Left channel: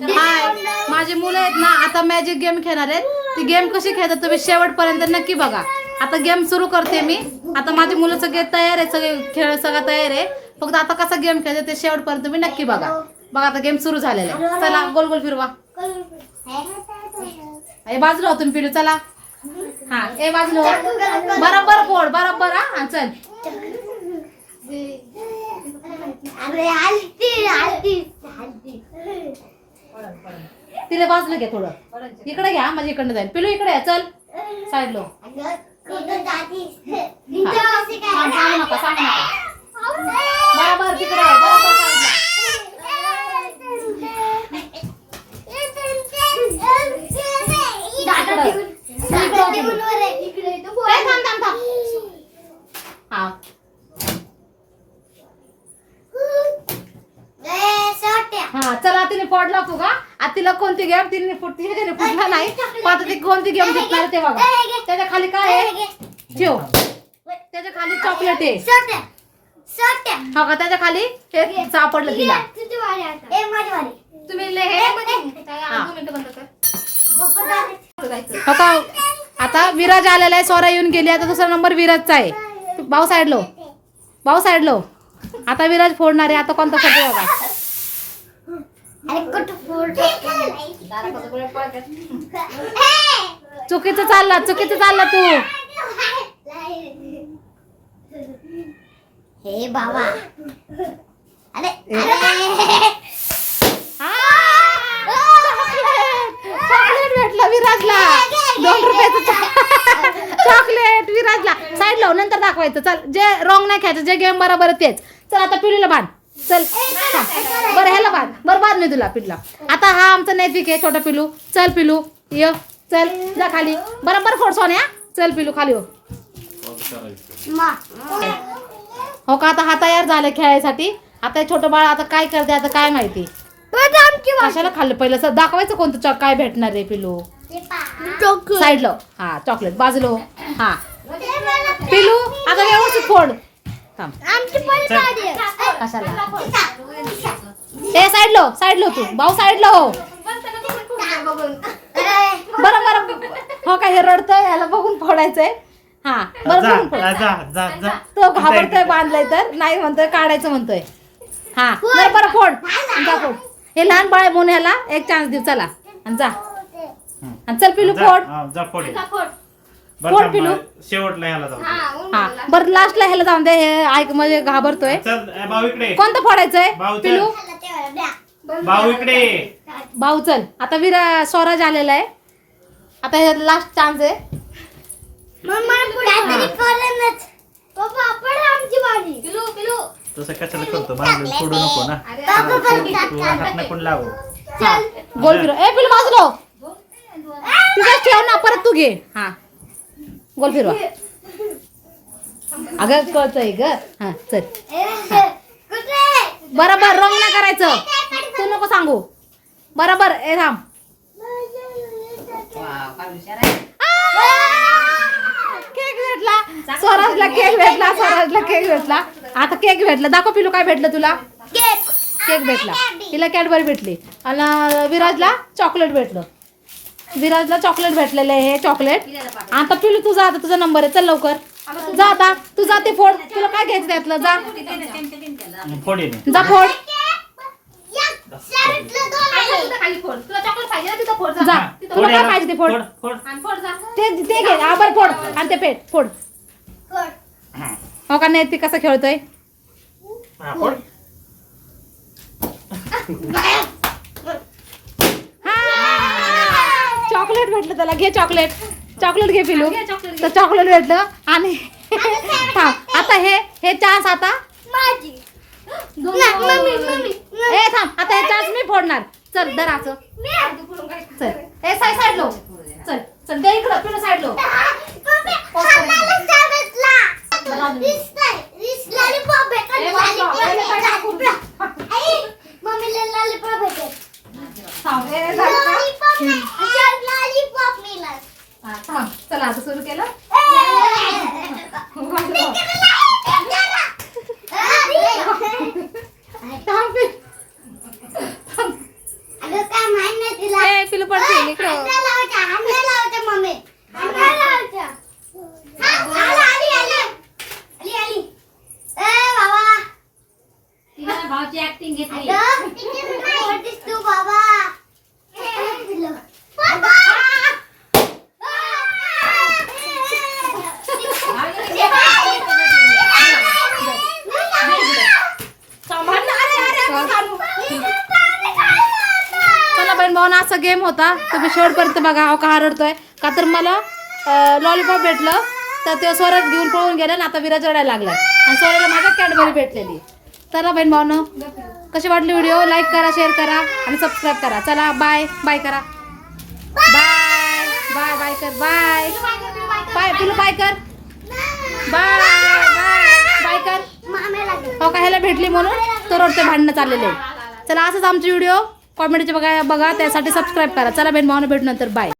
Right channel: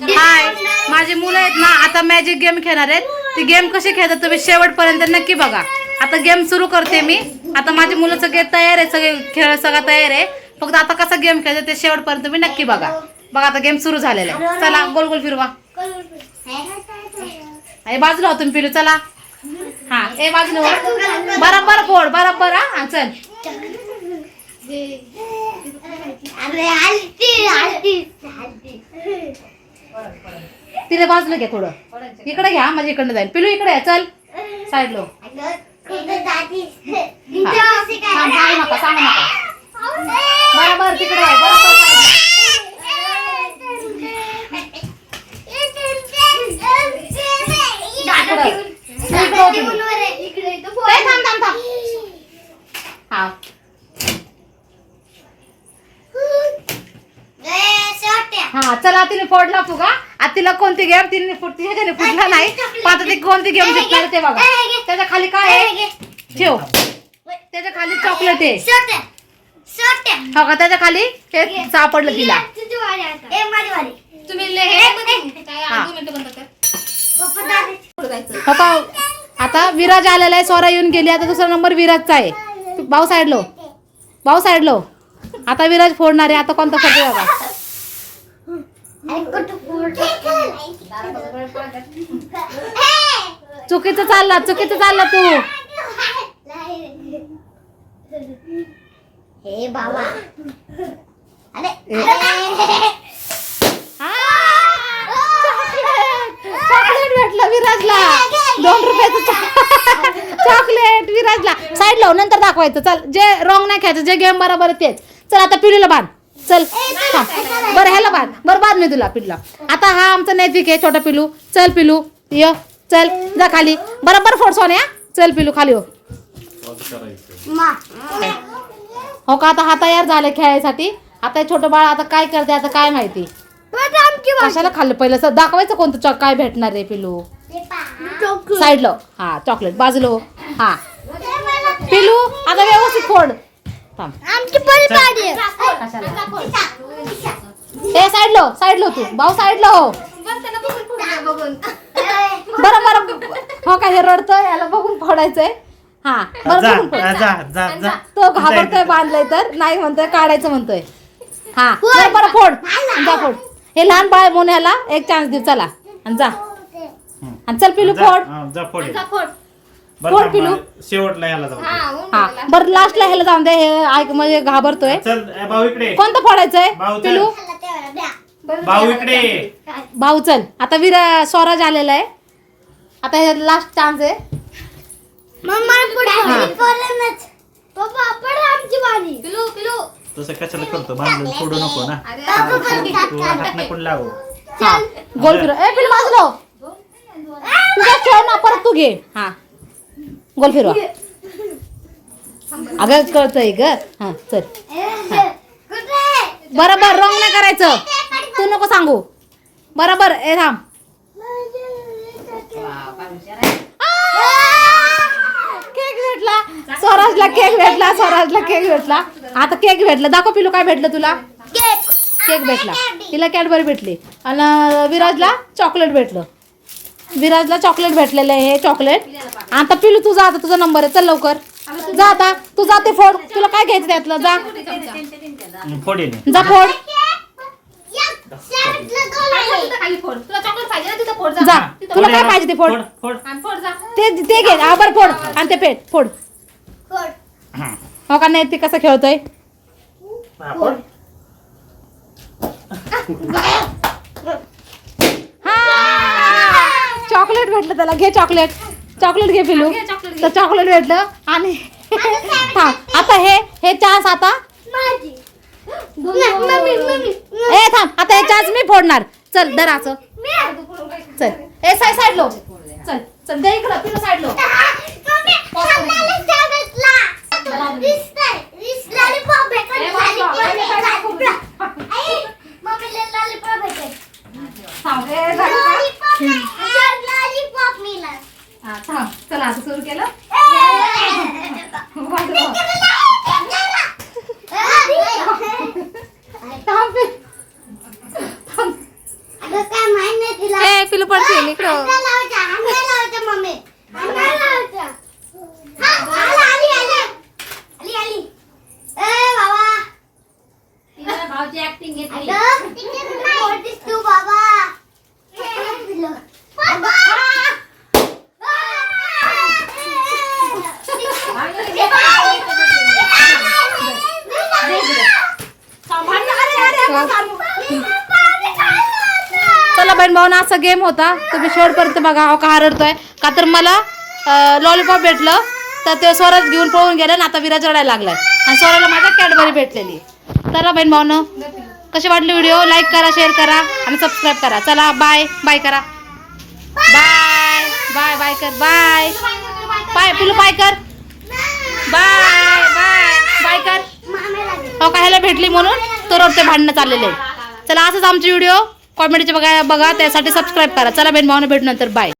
हाय माझी मुलं आहेत ना आता मॅजिक गेम खेळणार आहेत. ती गेम कशी खेळतात तुम्ही शेवटपर्यंत नक्की बघा. आता गेम सुरू करते मी. आता माझी मुलं सगळे तयार आहे सगळे खेळ सगळं तयार आहे. फक्त आता कसा गेम खेळतो ते शेवटपर्यंत तुम्ही नक्की बघा. बघा आता गेम सुरू झालेला आहे. चला गोल गोल फिरवा. हे बाजूला होतो फिरू चला. हा ए बाजूला हो. बरोबर फोड बरोबर हा हा, चल. अरे तिथे बाजूला घ्या थोडं. इकडे घ्या म्हणजे इकडनं जाईल. पिलू इकडे आहे, चल. साईड लो. सांग नका सांगू नका. तिकडे आहे, थांब थांब थांब हा हा चला तिने फोडला फुगा. आता तिला कोणती गेम तिने फुट- तिच्या घरी फुटला नाही. पण आता ती कोणती गेम जिंकणार ते बघा. त्याच्याखाली काय आहे? ठेव. त्याच्याखाली चॉकलेट आहे. हो का त्याच्याखाली? हे सापडलं तिला. तुम्ही ले- हे. हा. दोन मिनिटं बंद कर. हो का? आता विराज आलेला आहे स्वरा येऊन गेली. आता दुसरा नंबर विराजचा आहे. भाऊ साईडलो. भाऊ साईडलो. आता विराज फोडणार आहे. आता कोणता फोडतो बघा. चुकीचं चालला चुकीचं चालला तू. हे बाबा! चॉकलेट चॉकलेट भेटलं विराजला. दोन रुपयाचं चॉकलेट विराजला. साईड लाव नंतर दाखवायचं. चल जे रॉंग नाही खायचं जे गेम बरोबर तेच. चल आता पिढीला बांध चल हा. बरं ह्याला बांध. बरं बांध मी तुला पिढला आता हा आमचा नैतिक आहे छोटा पिलू चल पिलू ये चल. जा खाली. बरोबर फोड सोन्या चल पिलू खाली हो. हो का? आता हा तयार झाला खेळायसाठी. आता हे छोटं बाळ आता काय करते आता काय माहिती. कशाला खाल्लं? पहिलं दाखवायचं कोणतं चॉक काय भेटणार आहे पिलू. साईडला. हा चॉकलेट. बाजूला हो. हा. पिलू आता व्यवस्थित फोड. थांब. कशाला? ए साईडलो साईडलो तू. भाऊ साईडला हो. बरं बरं. हो का हे रडतंय याला बघून फोडायचंय. हा बरं जा बघून फोड. तो घाबरतोय बांधलाय तर. नाही म्हणतोय काढायचं म्हणतोय. हा बरं बरं फोड. जा फोड. हे लहान बाळ म्हणून ह्याला एक चान्स दे. चला. आणि जा. आणि चल पिलू जा, फोड. हा, बरं पिलू. शेवटला ह्याला जाऊ दे. हा बरं लास्टला ह्याला जाऊन दे हे ऐक म्हणजे घाबरतोय. चल ए, भाऊ इकडे. कोणतं फोडायचंय? भाऊ चल. पिलू? भाऊ इकडे. भाऊ चल. आता वीर स्वराज आलेला आहे. आता हे लास्ट चान्स आहे. मम्मा पुढे पर्यंत पप्पा पड आमची बाजी. पिलू पिलू. तसं कशाला करतो? बांधलं सोडू नको ना. तू- तू हात नको लावू? हा गोल फिरव. ए पिलू बाजूला. तुझा खेळ ना परत तू घे. हा. गोल फिरवा. अगं कळतंय ग. हा चल. बरोबर रॉंग नाही करायचं. तू नको सांगू. बरोबर ए थांब. केक भेटला. स्वराजला केक भेटला स्वराजला केक भेटला. आता केक भेटला. दाखव पिलू काय भेटलं तुला. केक. केक भेटला. तिला कॅडबरी भेटली. आणि विराजला चॉकलेट भेटलं. विराजला चॉकलेट भेटलेलं आहे हे चॉकलेट आता पिलू तुझा आता तुझा नंबर आहे. चल लवकर. जा आता. तू जा ते फोड. तुला काय घ्यायचं त्यातलं? जा. फोड ये जा फोड. जा. तुला फोड काय. पाहिजे ते फोड? फोड फोड. ते ते घे. बरं फोड. आणि ते पेट. फोड. हो का नाही? ते कसं खेळतोय? चॉकलेट भेटलं त्याला. घे चॉकलेट. चॉकलेट घे पिलू. तर चॉकलेट भेटलं आणि थांब. आता हे हे चान्स आता. ए थांब. आता हे चान्स मी फोडणार. चल दराचं चल. ए साई साईड लो. चल चल दे इकडं. पिलू साईड लो. थांब. ए, झालं का? थांब चला आता सुरू केलं पिलू. अगं काय पिलू इकडं बहीण भावना असा गेम होता. तुम्ही शेवटपर्यंत बघा हो का हरडतोय. का तर मला लॉलीपॉप भेटलं तर ते स्वराज घेऊन पळून गेलं आणि आता विराज रडायला लागलाय. आणि स्वराला माझ्या कॅडबरी भेटलेली. चला बहीण भावनं कशी वाटली व्हिडिओ लाईक करा शेअर करा आणि सबस्क्राईब करा. चला बाय बाय करा. बाय बाय बाय कर बाय बाय पिलू बाय कर. बाय बाय बाय कर. हो का ह्याला भेटली म्हणून? तो रोडचे भांडणं चाललेले. चला असंच आमचे व्हिडिओ कॉमेडीचे बघा बघा त्यासाठी सबस्क्राईब करा. चला बेन भावना भेटू नंतर. बाय